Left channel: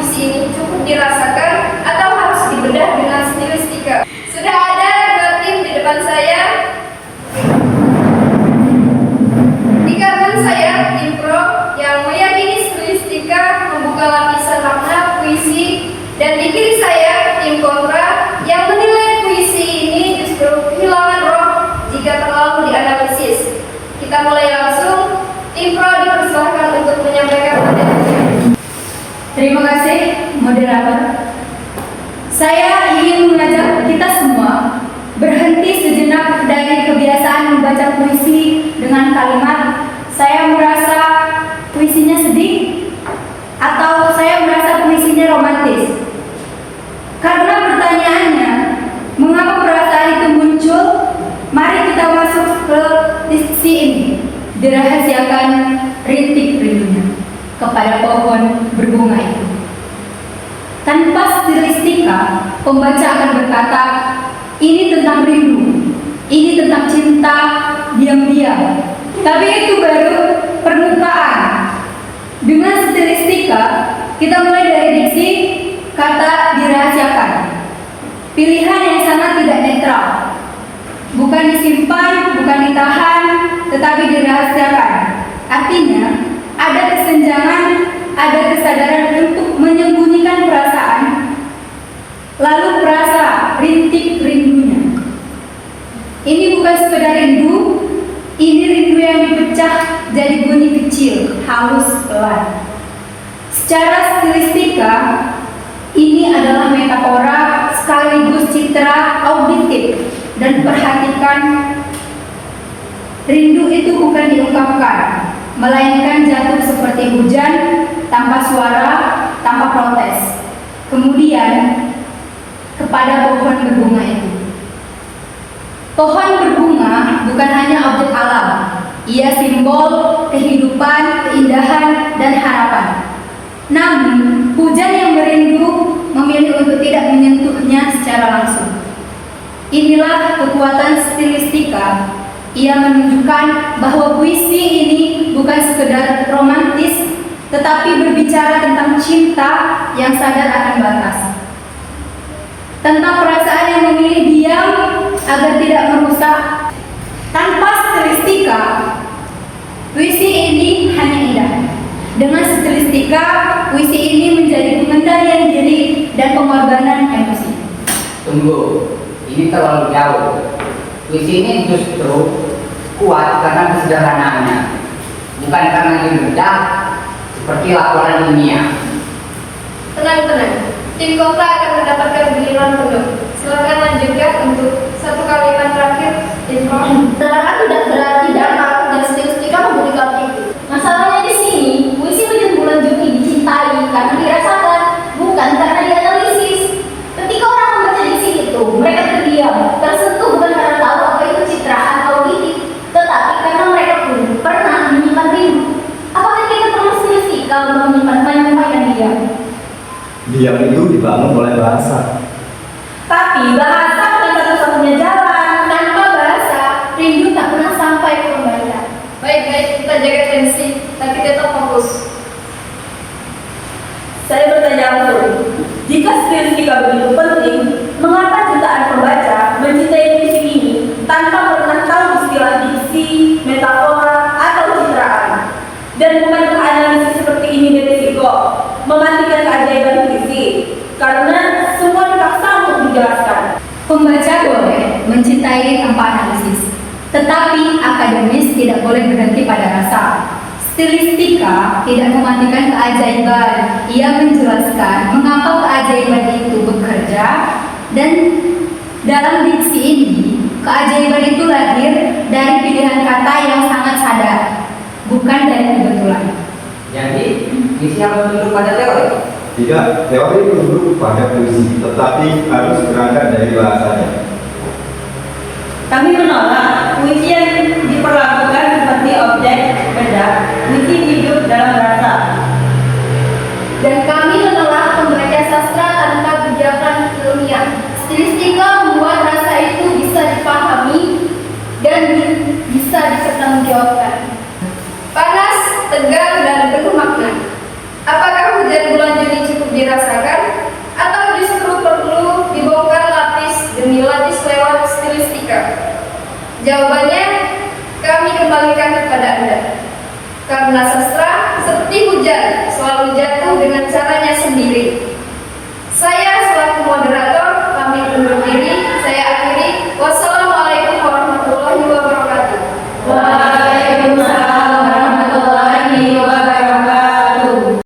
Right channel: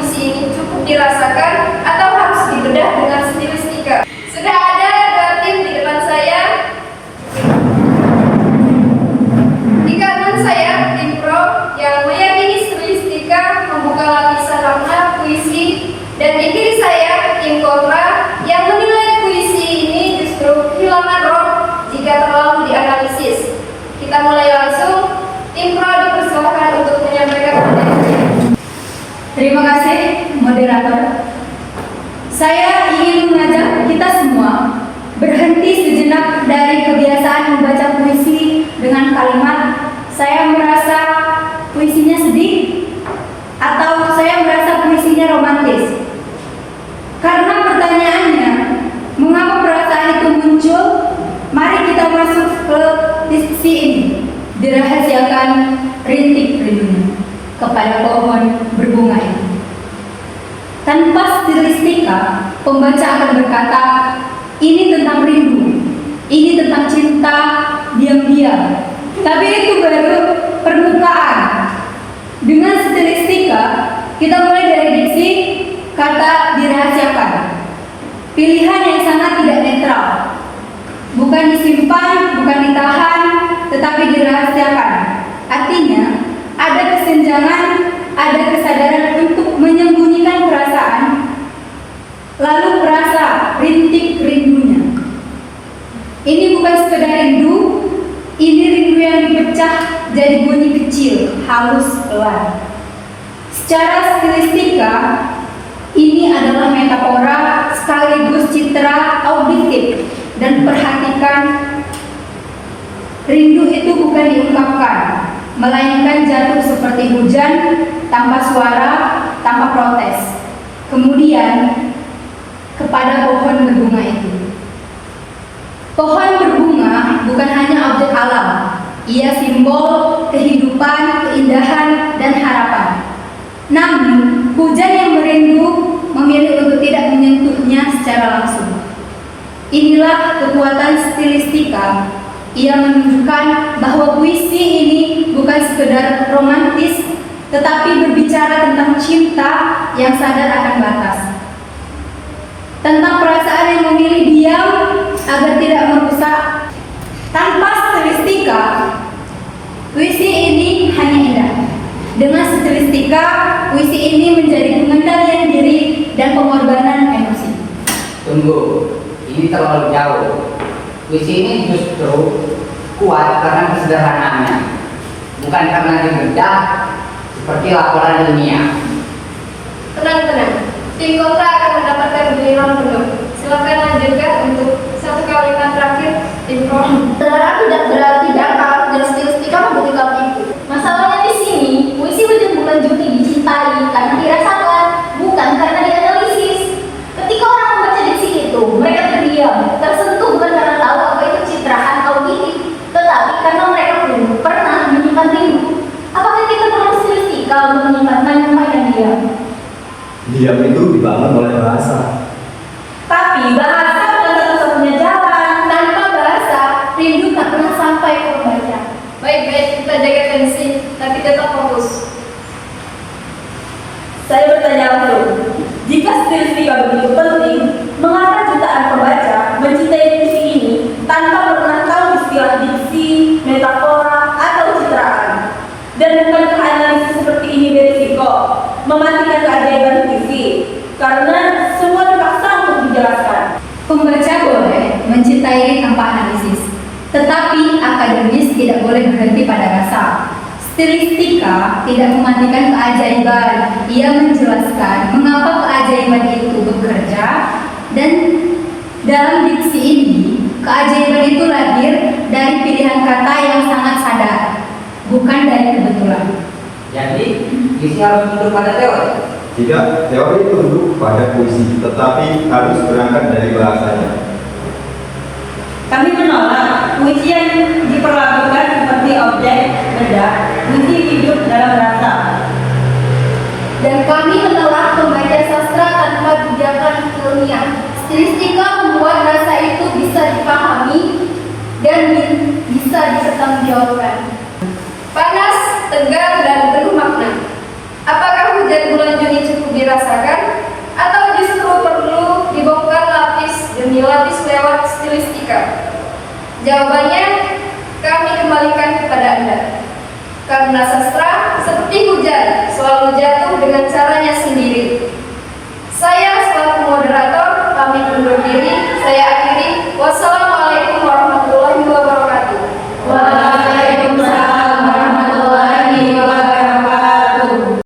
puisi ini cukup dirasakan atau harus dibedah dengan stilistika? Sudah ada dua tim di depan saya. Di kanan saya tim pro yang meyakini stilistika membuka lapisan makna puisi, dan di kiri saya tim kontra yang menilai puisi ini justru kehilangan roh jika terlalu dianalisis. Kita mulai langsung. Tim pro dipersilahkan untuk menyampaikan materinya. Terima kasih, moderator. Saya ingin mengajak kita semua berhenti sejenak dari kebiasaan membaca puisi dengan kalimat "saya merasa puisinya sedih" atau "saya merasa puisinya romantis". Karena pertanyaannya, mengapa perasaan itu muncul? Mari kita masuk ke diskusi ini. Dirahasiakan rintik rindunya kepada pohon berbunga itu. Tanpa stilistika, pembaca akan berkata, ini tentang rindu, ini tentang cinta diam-diam. Tapi itu baru permukaan. Dengan stilistika, kita mulai dari diksi kata dirahasiakan. Pilihan yang sangat tidak netral. Bukan disimpan, bukan ditahan, tetapi dirahasiakan. Artinya, ada kesenjangan, ada kesadaran untuk menyembunyikan perasaan, lalu perasa rintik rindunya. Ini bukan sekedar rindu, ini rindu yang dipecah jadi bunyi kecil, halus, pelan. Secara stilistika, ini adalah metafora sekaligus citra auditif. Dan perhatikan, rindu itu bukan diungkapkan, melainkan jatuh seperti hujan, tanpa suara, tanpa protes. Kemudian, kepada pohon berbunga itu. Pohon berbunga bukan hanya objek alam, ia simbol kehidupan, keindahan, dan harapan. Namun, hujan yang merindu memilih untuk tidak menyentuhnya secara langsung. Inilah kekuatan stilistika. Ia menunjukkan bahwa puisi ini bukan sekedar romantis, tetapi berbicara tentang cinta yang sadar akan batas. Tentang perasaan yang memilih diam agar tidak merusak. Tanpa stilistika, puisi ini hanya indah. Dengan stilistika, puisi ini menjadi pengendalian diri dan pengorbanan emosi. Tunggu. Ini terlalu jauh. Puisi ini justru kuat karena kesederhanaannya, bukan karena dibedah seperti laporan ilmiah. Tenang. Tim kontra akan mendapatkan giliran penuh. Silakan lanjutkan untuk satu kalimat terakhir, tim pro. Kebenaran tidak berarti dangkal dan stilistika membuktikan itu. Masalahnya di sini, puisi hujan bulan Juni dicintai karena dirasakan, bukan karena dianalisis. Ketika orang membaca diksi itu, mereka terdiam, tersentuh bukan karena tahu apa itu citraan auditif, tetapi karena mereka pun pernah menyimpan rindu. Apakah kita perlu stilistika untuk menyimpan tanyumai dan diam? Diam itu dibangun oleh bahasa. Tapi bahasa bukan satu-satunya jalan. Tanpa bahasa, rindu tak pernah sampai ke pembaca. Baik, kita jaga tensi, tapi tetap fokus. Saya bertanya langsung, jika stilistika begitu penting, mengapa jutaan pembaca mencintai puisi ini tanpa pernah tahu istilah diksi, metafora, atau citraan? Dan bukankah analisis seperti ini berisiko mematikan keajaiban puisi? Karena semua dipaksa untuk dijelaskan. Pembaca boleh mencintai tanpa analisis, tetapi akademis tidak boleh berhenti pada rasa. Stilistika tidak mematikan keajaiban. Ia menjelaskan mengapa keajaiban itu bekerja, dan dalam diksi ini, keajaiban itu lahir dari pilihan kata yang sangat sadar, bukan dari kebetulan. Jadi, puisi harus tunduk pada teori. Tidak, teori tunduk pada puisi, tetapi harus berangkat dari bahasanya. Kami menolak puisi yang diperlakukan seperti objek bedah, puisi hidup dalam rasa. Dan kami menolak membaca sastra tanpa bijakan ilmiah. Stilistika membuat rasa itu bisa dipahami dan bisa dipertanggungjawabkan. Panas, tegang, dan penuh makna. Apakah hujan bulan Juni cukup dirasakan? Atau justru perlu dibongkar lapis demi lapis lewat stilistika? Jawabannya kami kembalikan kepada Anda. Karena sastra seperti hujan selalu jatuh dengan caranya sendiri.